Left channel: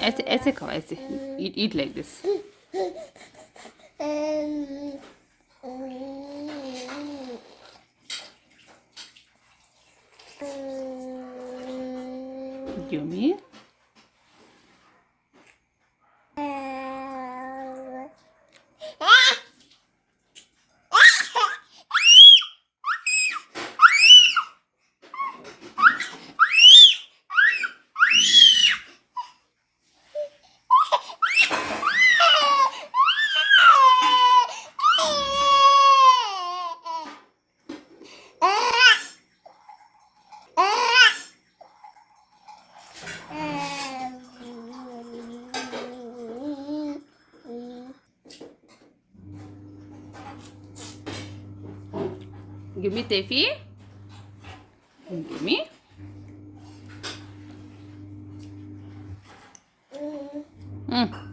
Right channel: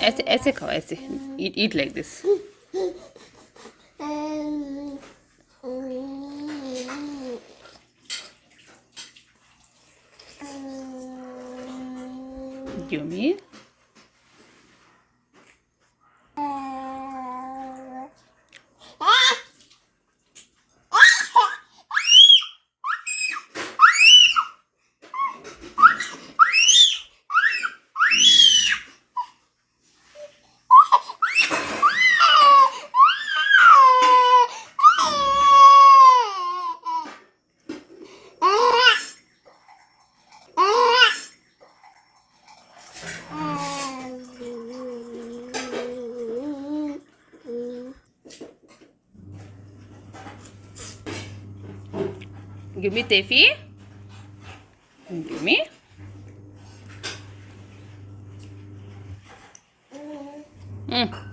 ऐसे ऐसे खाओ, ऐसे eat like this. Yummy. Give me Tefi. Give me. Mm.